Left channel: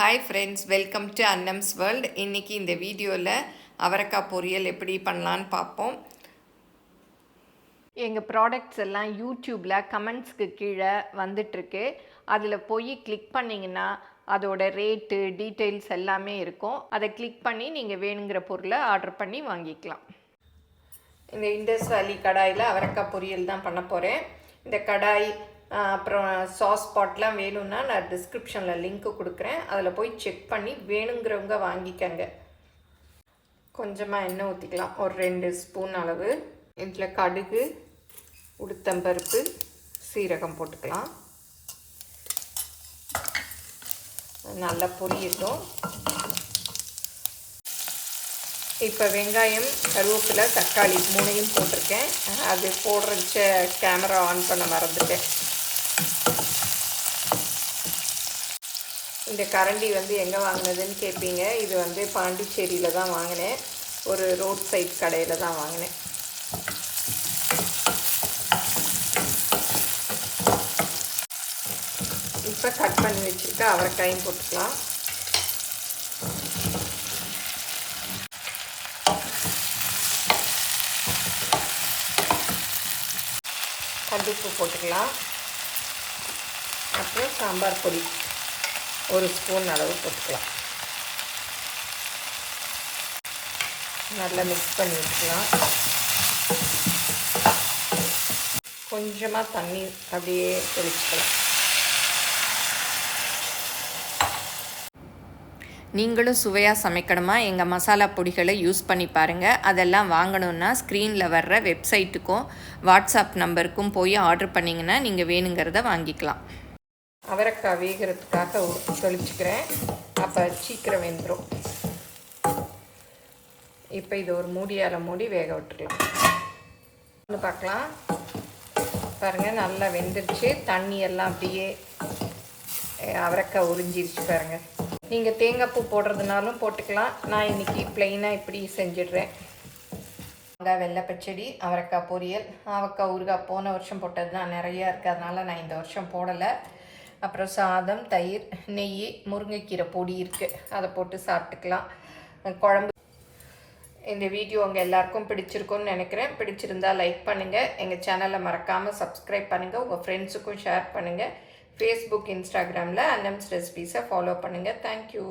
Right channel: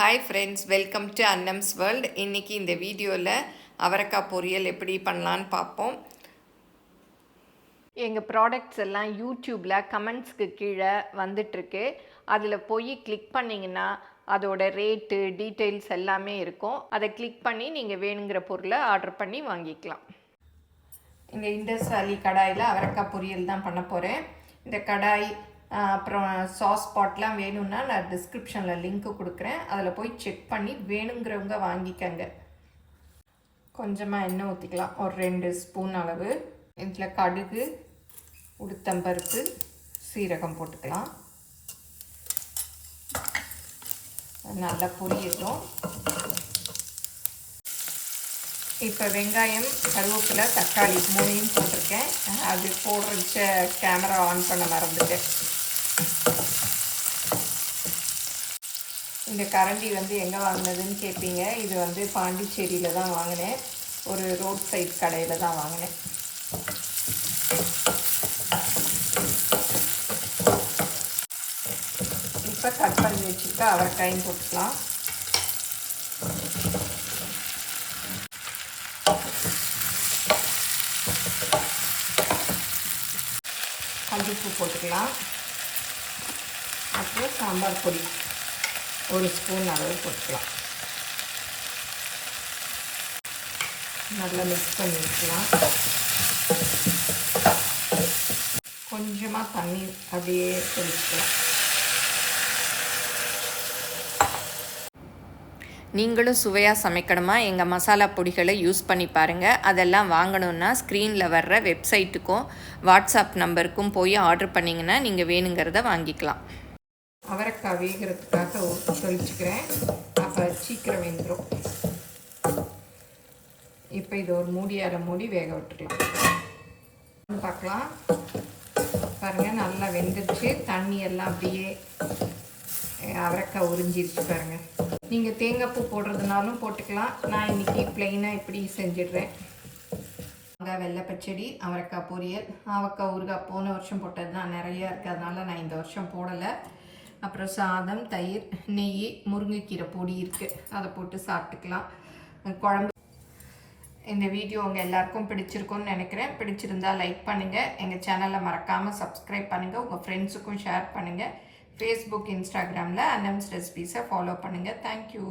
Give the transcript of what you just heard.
Hi friends, welcome to Annam's world. இன்றைக்கி இந்த வீடியோவில் அவரைக்காய் பொரியல் எப்படி பண்ணலான்னு பார்ப்போம். எங்கள் ப்ராடக்ட்ஸ் எல்லாம் யூடியூப்பில் கமெண்ட்ஸ்க்கு கீழே வந்துட்டுருக்கு. அதில் போய் கிளிக் பண்ணிங்கன்னா அதோட ரேட்டு டீட்டெயில்ஸ் எல்லாமே இருக்கும். அதை கிளிக் பண்ணி நீங்கள் வேணுங்கிற பொருளை ஆர்டர் பண்ணி வாங்கிக்கலாம். இந்த இண்டஸ் வேலி கடாயில் அவரைக்காய் பொரியல் தான் பண்ண போகிறேன். இந்த கடாய் அப்புறம் சாஸ் பாட்லாம் வேணும்னா நான் டிஸ்கிரிப்ஷனில் லிங்க்கு கொடுக்குறேன். அதில் போய் செக் பண்ணி வேணுங்கிறவங்க வாங்கிக்கங்க. கொஞ்சமாக எண்ணெய் ஊற்றிக்கலாம், ஒரு 2 ஸ்பூன் அளவு. இதில் கடுகு, உளுத்தம்பருப்பு, சீரகம் போட்டுக்கலாம். நல்லா பொரியட்டும். இப்போ வெங்காயம், கருவேப்பிலை, தக்காளி 3யும் போட்டிருக்கேன். அது போடுறச்ச கேமரா ஆன் பண்ண மறந்துட்டேன். இந்த கரண்டி எங்கே வாங்கினதுன்னு கேட்பீங்க. இது பாண்டிச்சேரியில் தான் வாங்கினேன். ஒரு ரோட் சைட் கடையில் தான் வாங்கினேன். இப்போ கட் பண்ணி வச்சுட்டு அவரைக்காயும் போட்டுக்கலாம். கண்டிப்பு போட்டுக்கலாம். அப்புறம் சாம்பார் பொடி 1 ஸ்பூன் அளவு போட்டுக்கலாம். நல்லா மிக்ஸ் பண்ணி வச்சுக்கலாம். கொஞ்சமாக தண்ணி அப்படியே தெளிச்சுக்கலாம். நீங்களும் சுவையாக சமைக்கணுமா? எங்கள் மசாலா பொடிகளை யூஸ் பண்ணி பாருங்கள். அதெல்லாம் வாங்கணுன்னா ஸ்க்ரீனில் வர்ற வெப்சைட்டுக்கும் வாட்ஸ்அப் நம்பருக்கும் போய் ஆர்டர் பண்ணிங்கன்னா நீங்கள் வேணுங்கிறத வாங்கிக்கலாம். அவரைக்காய் வேகிறதுக்காக தெளிச்சுக்கிறேன். அப்போ சீக்கிரம் வெந்துடும். இப்போ இது ஒரு மூடியால் மூடி வேக விட்டுட்டு பார்க்கலாம். பாருங்கள், நல்லா வெந்துருச்சு. தண்ணி எல்லாம் அப்படியே அவரைக்காய் உறிஞ்சிருச்சு பாருங்கள். நீங்கள் தேங்காய் பூ போடுறதுனாலும் போட்டுக்கலாம். நான் இன்றைக்கி ப்ளெயினாக இப்படி செஞ்சிடுறேன். தேங்காய் வெள்ளை பச்சடி, அவரைக்காய் பொரியல், அவரைக்காய் ஊறுகாய் போன வருஷம் போட்டது தான் நிறையா இருக்கிறதுனால நான் இந்த வருஷம் போடலை. அப்புறம் சாதம், தயிர், நெய், முருங்கைக்கீரை பொடி இருக்குது, அதை போட்டு சாப்பிட்டுக்கலாம். குழம்பு. இந்த வீடியோ உங்கள் எல்லாருக்கும் பிடிச்சிருக்குன்னு நினைக்கிறேன். பிடிச்சிருந்தால் லைக் பண்ணுங்கள். எங்கள் சேனலை மறக்காமல் சப்ஸ்கிரைப் பண்ணுங்கள். உங்கள் ஃப்ரெண்ட்ஸுக்கும் ஷேர் பண்ணுங்கள். ஃபேஸ்புக், இன்ஸ்டாகிராமில் அன்னம்ஸ் ரெசிபீஸை ஃபாலோ பண்ணுங்கள். தேங்க்யூ.